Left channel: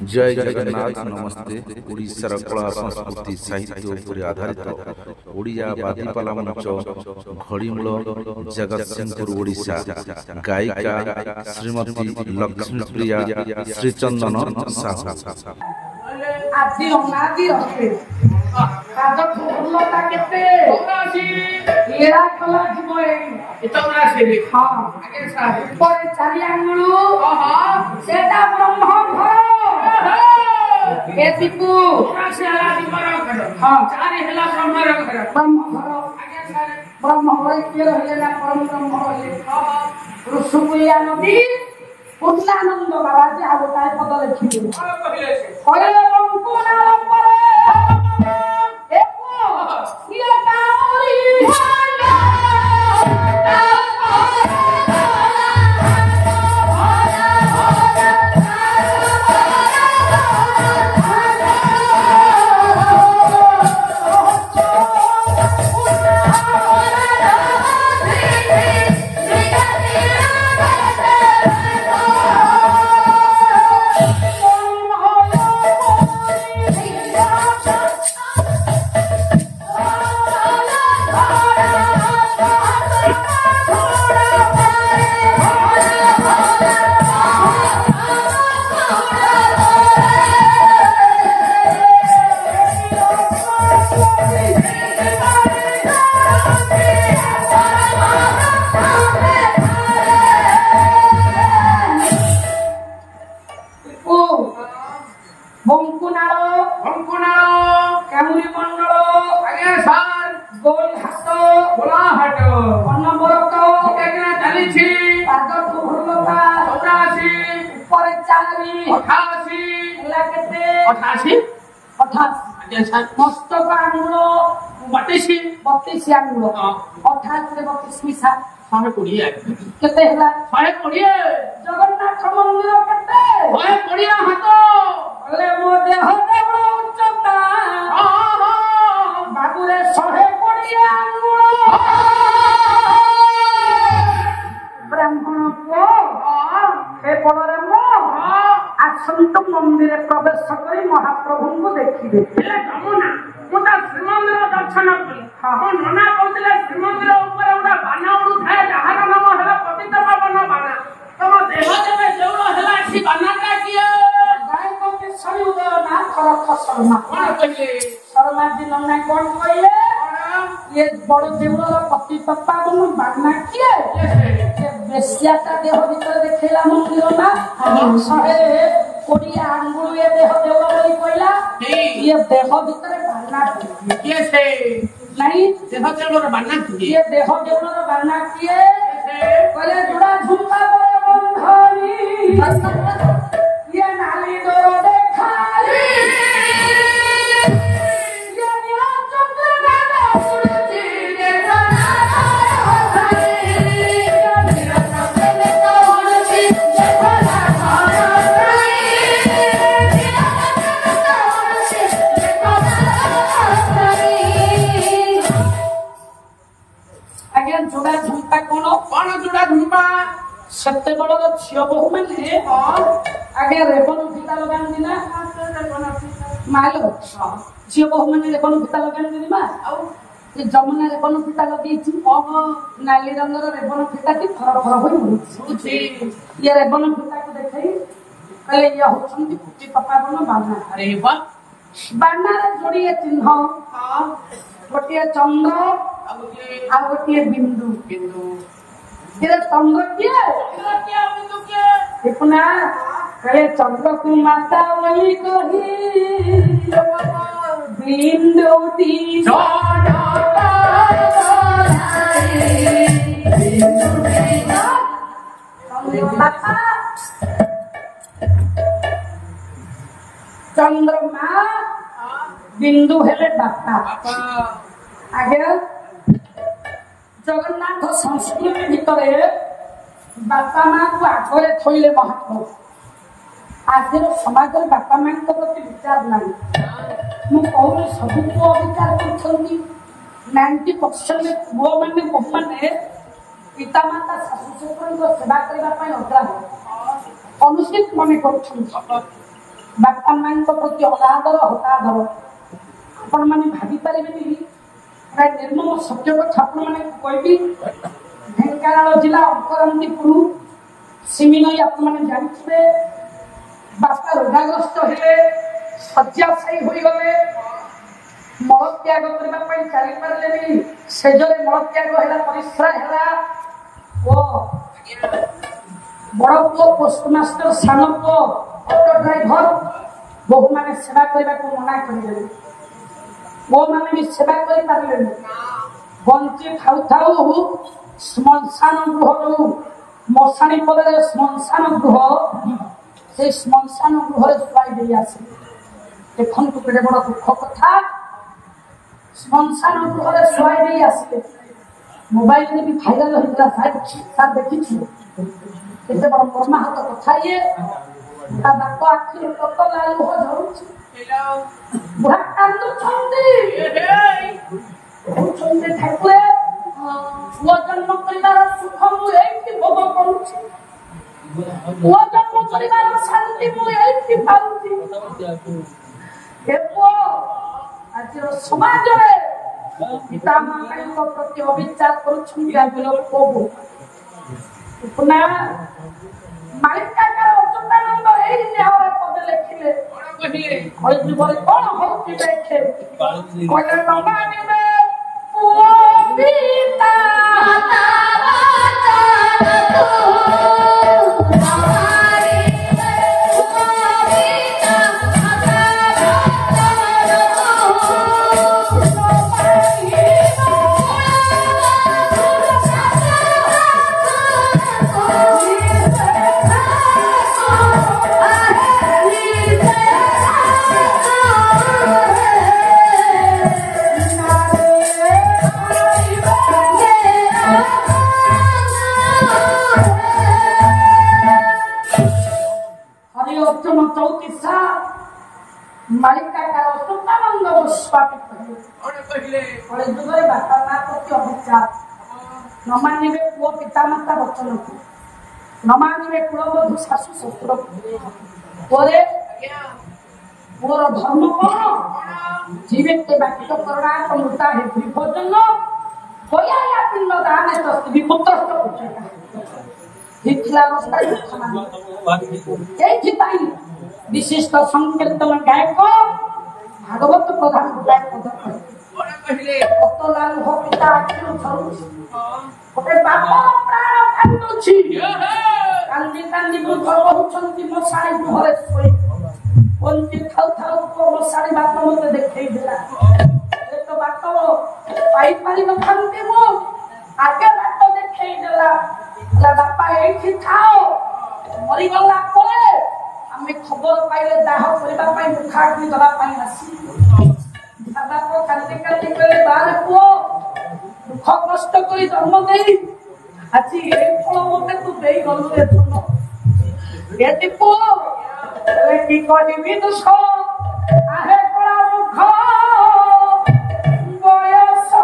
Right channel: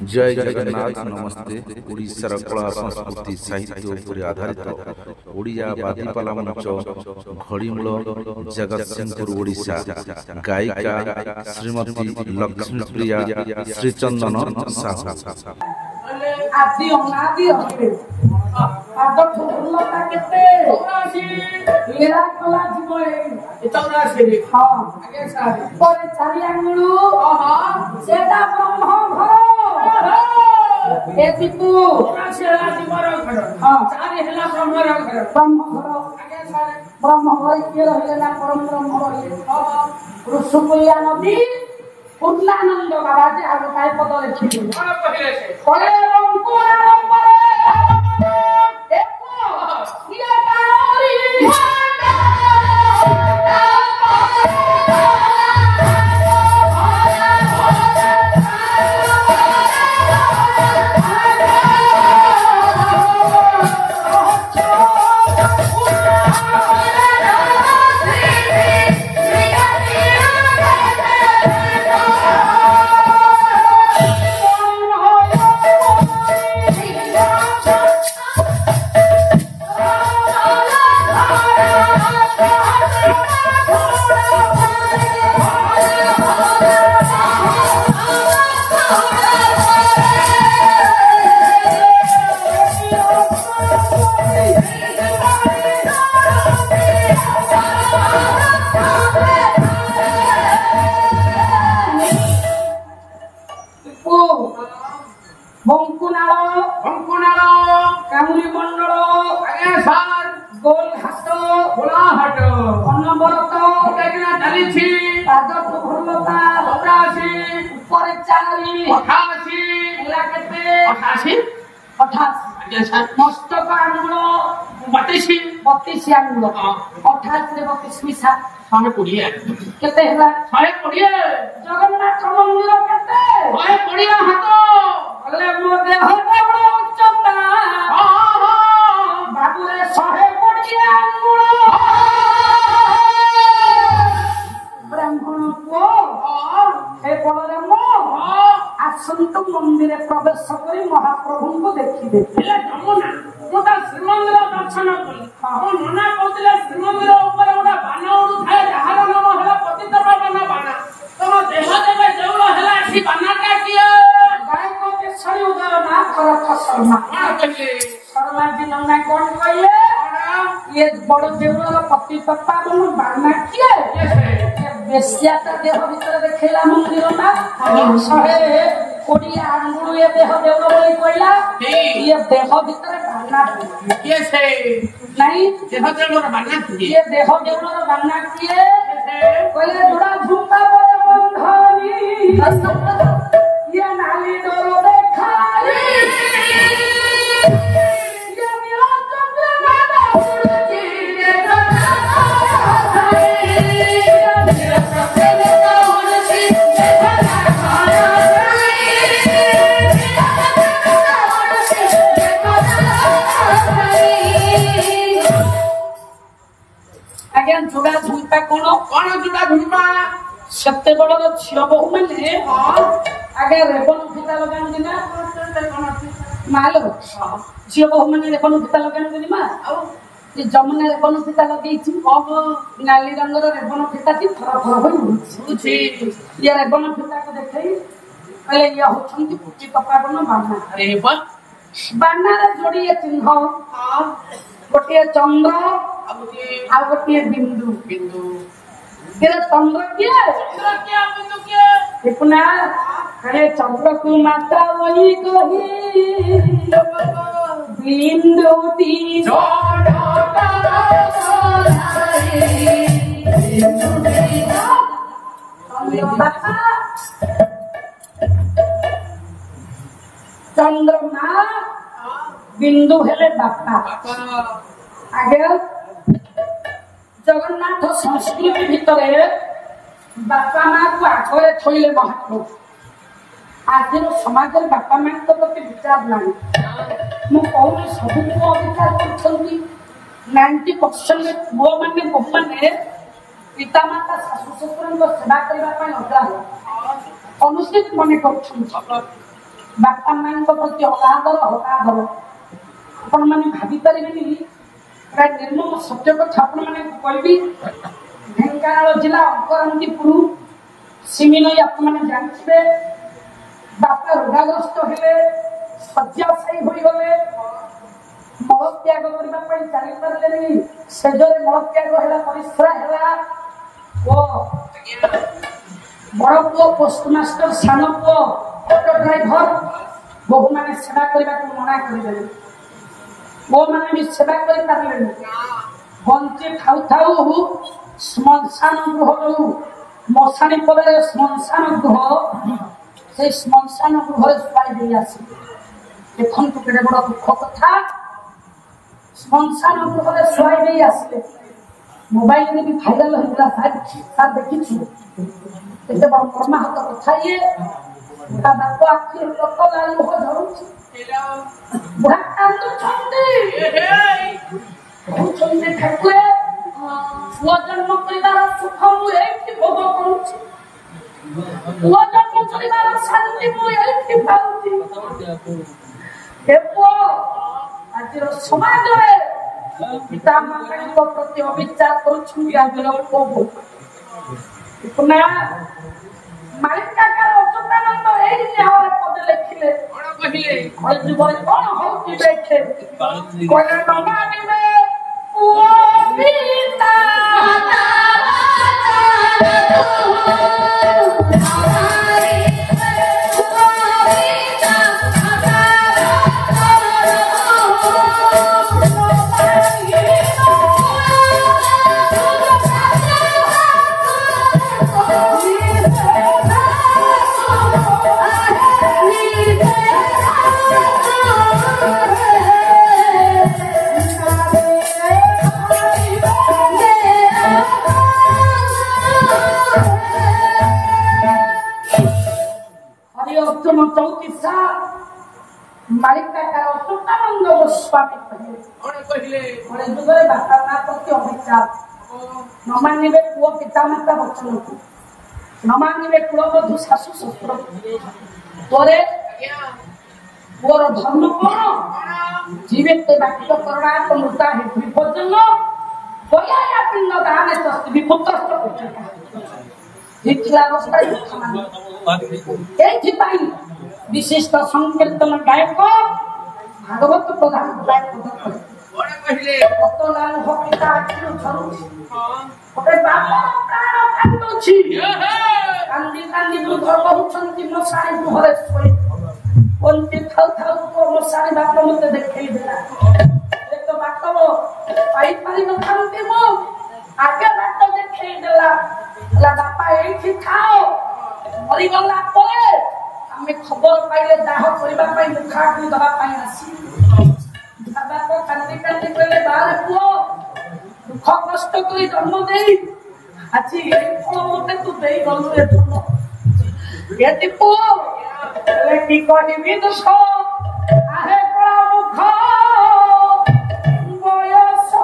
जय जगन्नाथ नमस्ते। ओडिशार कला संस्कृति साहित्य उपरे आधारित ओडिया बादीपाला मंच घड़ीमूल जगतसिंहपुर ओडिशा गायिका श्रीमती लक्ष्मीप्रिया श्रीचंदन साहू। पूर्णानंद बाबा जी आगे काय पद लिखिले कहले जगन्नाथ मंदिर आसंतु मंदिर प्रवेश कर महाप्रभु को देखिए श्रीमंदिर दर्शन कली नना कहते श्रीमंदिर बाना उड़ू थाए जार नाम है पतित पावन बाना तुम देह देवे देउल है बाना किए गायक केशरी उदय ना करत शर्मा शर्मा जी नना कौन कहले ये बड़ देउल पति पप्पा बाना किए बेसिया देह भीतर देखेला मंदिर ना सहे कोड़ी आंगुल ये देह देउल कहला ये देह भीतर बाना ये से नहीं देह देउल बाना ये देह देउल बाना किए कहले जुड़ा झुमका बंधारी ये नाली डोर देखारी जुड़ा झुमका कौन जुड़ा झुमका सत्य बड़ झील बहु मैंने आगे रेबन फीता लगाती ना मालो झील बहु मैंने रेबन फीता लगाती माँ ये जमुना रेबन फीता लगे नाली रंगर रेबन फीता थर थर ये रेबन फीता को देखे कहले ये होती पुटी पकाबन बाना अरे बाना जोड़ी चिन्ह गोटे चंद्र आ गोटे बिंदु बिंदु चंद्र किए देखना अरे चंद्र की माता वही कही बिंदु चंद्रमा बिंदु हेले बापा आगे जगन्नाथ संस्कृति भितर बापा माँ को आगे थोड़े महाप्रभु आज समाज बापा माँ प्रति विचार ना मुझे सब विचार कर 90% पुओ मैंने बहु मैंने पिता माता शाशु शशुर सेवा करने लगा अनुचित मन कर बापा मान प्रति अगाधर हताधर आपण मैंने भावी पारे निर्मम सत्य कथा कहबी ढेंकानाल जिला अंकरंदीपुर सिमिनई आपने जानते बापा रोगाग्रस्त हेले शଯ୍ୟାଶାयୀ होगले मलत्याग करने चली पारे सेजरे मलत्याग है परिश्रा है बड़ पुओ पोस्टमास्टर सान पुओ ऑटो ड्राइवर बहु मैंने सेवा करने को मना कर वो मैंने भी सेवा कर पारे बंची थाऊ थाऊ श्मशान गृह मशाणी पदे श्मशान गृह से श्मशान गृह शुआई दे आसे देखो केड़े बड़ दुख कथा श्मशान गृह शुआई दे आसे मोबाइल में भी भाइराल होता सार देखी एत बड़ मर्माहत कथा ये बाप आखिर लोक लाल हो जाऊँ बुढ़ा कांदुंटे ठाकुर पुआ जन्म कर सुख मुझे भोग करुच्ची पुआ जन्म कर शांति मुझे पाऊँ आज समाज पिता माता प्रति अविचार कर मालिका अच्युतानंद यही न्याय पद लिखिले कौन होती बैठे मालिका अच्युतानंद गोस्वामी बापा माँ प्रति अभिचार न मानिबे पुओ पिता माता वचन को न मानिबे पुओ बधू शाशु शशुर पुओरे पुओर धर्म कौन जीवित बाक्य करुणा मृता है विभोजन होया पिंड दान विपुत्र विशिष्ट संकीर्तन गायक भागवत प्रधान कांदी कांदी बुझ कहउछंती मशाणी घरे सोई कोनती थाउ थाउ को मशाणी बात मते देखै देला ए तो बात पाई पारी न थांती मो आगे बात देखै देला ला बापा एठी खाओ मरि गला परे हमें खबर पाइले दाह करबा पई मुखा की दबा पाई आसी बाबा को कांदी कांदी कहले बाल पुओ दुख कष्ट करी जन्म देई आछि ए फल मते तू देई गलु ए पुओ एति पुओ एति कोनी विदुष आहे पळा मुख बयस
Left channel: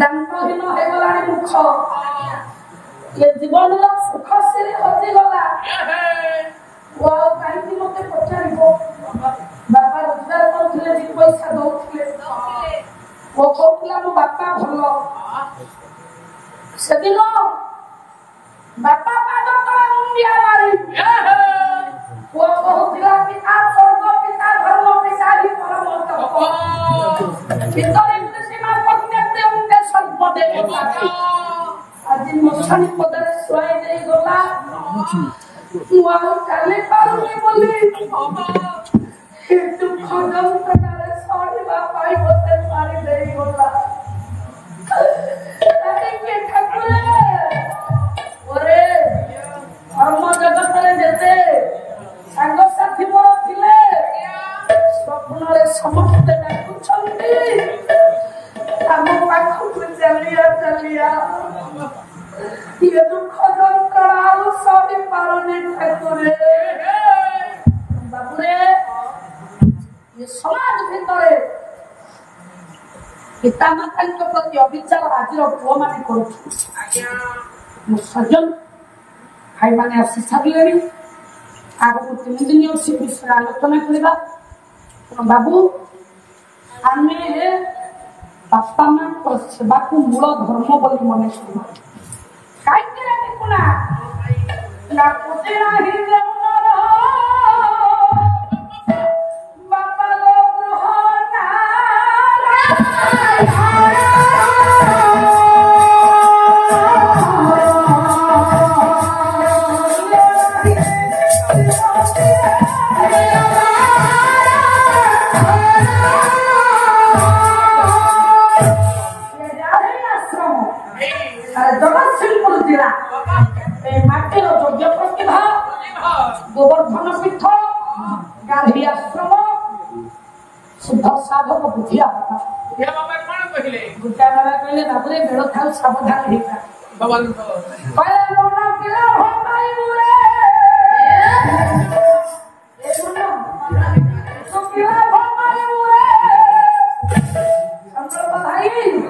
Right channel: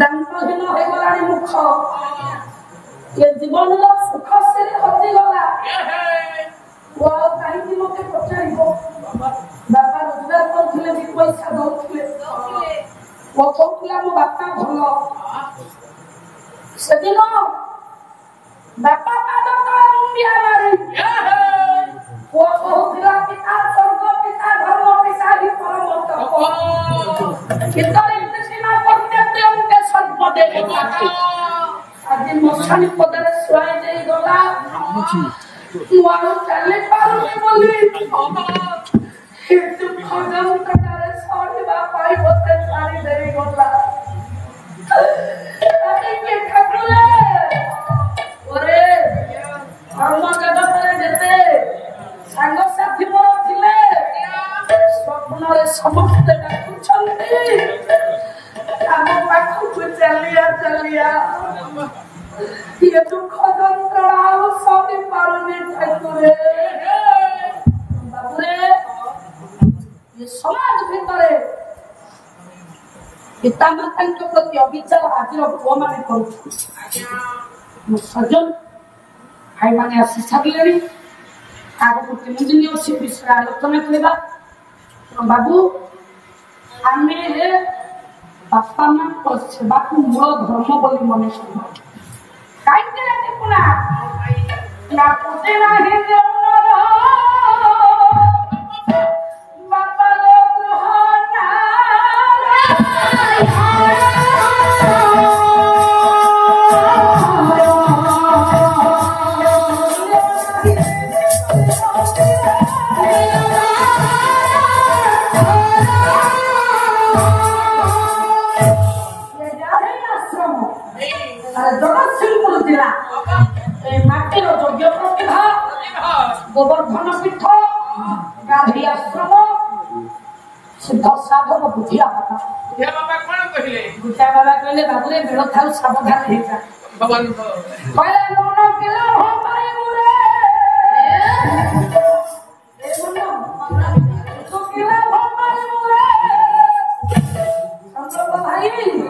ଦାନ୍ତହୀନ ହେଇଗଲାଣି ମୁଖ ଏ ଜୀବନର ସୁଖ ସିରି ହଜିଗଲା ଆଉ କାହିଁକି ମୋତେ ପଚାରିବ ବାପା ରୋଜଗାର କରୁଥିଲେ ଦି ପଇସା ଦଉଥିଲେ ଓ କହୁଥିଲା ମୋ ବାପା ଭଲ ସେଦିନ ବାପା ପାଦ ତଳେ ମୁଣ୍ଡିଆ ମାରି ପୁଅ କହୁଥିଲା ପିତା ସ୍ୱର୍ଗ ପିତା ଧର୍ମ ପିତା ହିଁ ପରମତ ଆଜି ମଶାଣି ପଦାରେ ଶୁଆଇ ଦେଇ ଗଲା ମୁଁ ଆଉ ଚାଲି ପାରୁନି ବୋଲି ଦୁଃଖ ଯନ୍ତ୍ରଣାରେ ସହିବା ପାଇଁ ମୋତେ ଛାଡ଼ି ଦେଇ ଗଲା ପରେ ଧର୍ମ ଜଗତରେ ଯେତେ ସାଙ୍ଗସାଥି ମୋର ଥିଲେ ସ୍ୱପ୍ନରେ ସମସ୍ତେ ଡାକୁଛନ୍ତି ଆମ ପାଖକୁ ଚାଲିଆ ଚାଲିଆ ଇଏ ଦୁଃଖ ଯନ୍ତ୍ରଣା ଆଉ ସହି ପାରୁନି ଠାକୁରେ ବାବୁରେ ଏ ସମାଜ ଭିତରେ ପିତାମାତାଙ୍କ ପ୍ରତି ଅବିଚାର ଆଜିର ପୁଅମାନେ କରୁଛନ୍ତି ମୋ ସଜ୍ଜନ ଭାଇମାନେ ଆସି ସାରିଲେଣି ଆଗକୁ 3 ଦିନ ଅଛି ବିଷୟ ଆଲୋଚନା କରିବା ବାବୁ ଆମେ ବାପା ମାଙ୍କ ସେବାକୁ ମୂଳ ଧର୍ମ ବୋଲି ମନେ କରୁ କାହିଁକି ନା ଦେଖୁନା ନା କୋଟେ ନାହିଁ ବାପା ଗୃହ ଜଗତସିଂହପୁର ଜିଲ୍ଲା ମାଟିର ଯୋଗ୍ୟ ପ୍ରତିଭା ଗୋବର୍ଦ୍ଧନ ପୀଠ ଗାନ୍ଧୀ ଆଶ୍ରମ ଶୁଦ୍ଧ ସାଧକ ବୁଝିବା ବାପା କହିଲେ ବାବୁରେ ବେଳ ଥାଉ ସାବଧାନ ହେଇଥା Hey!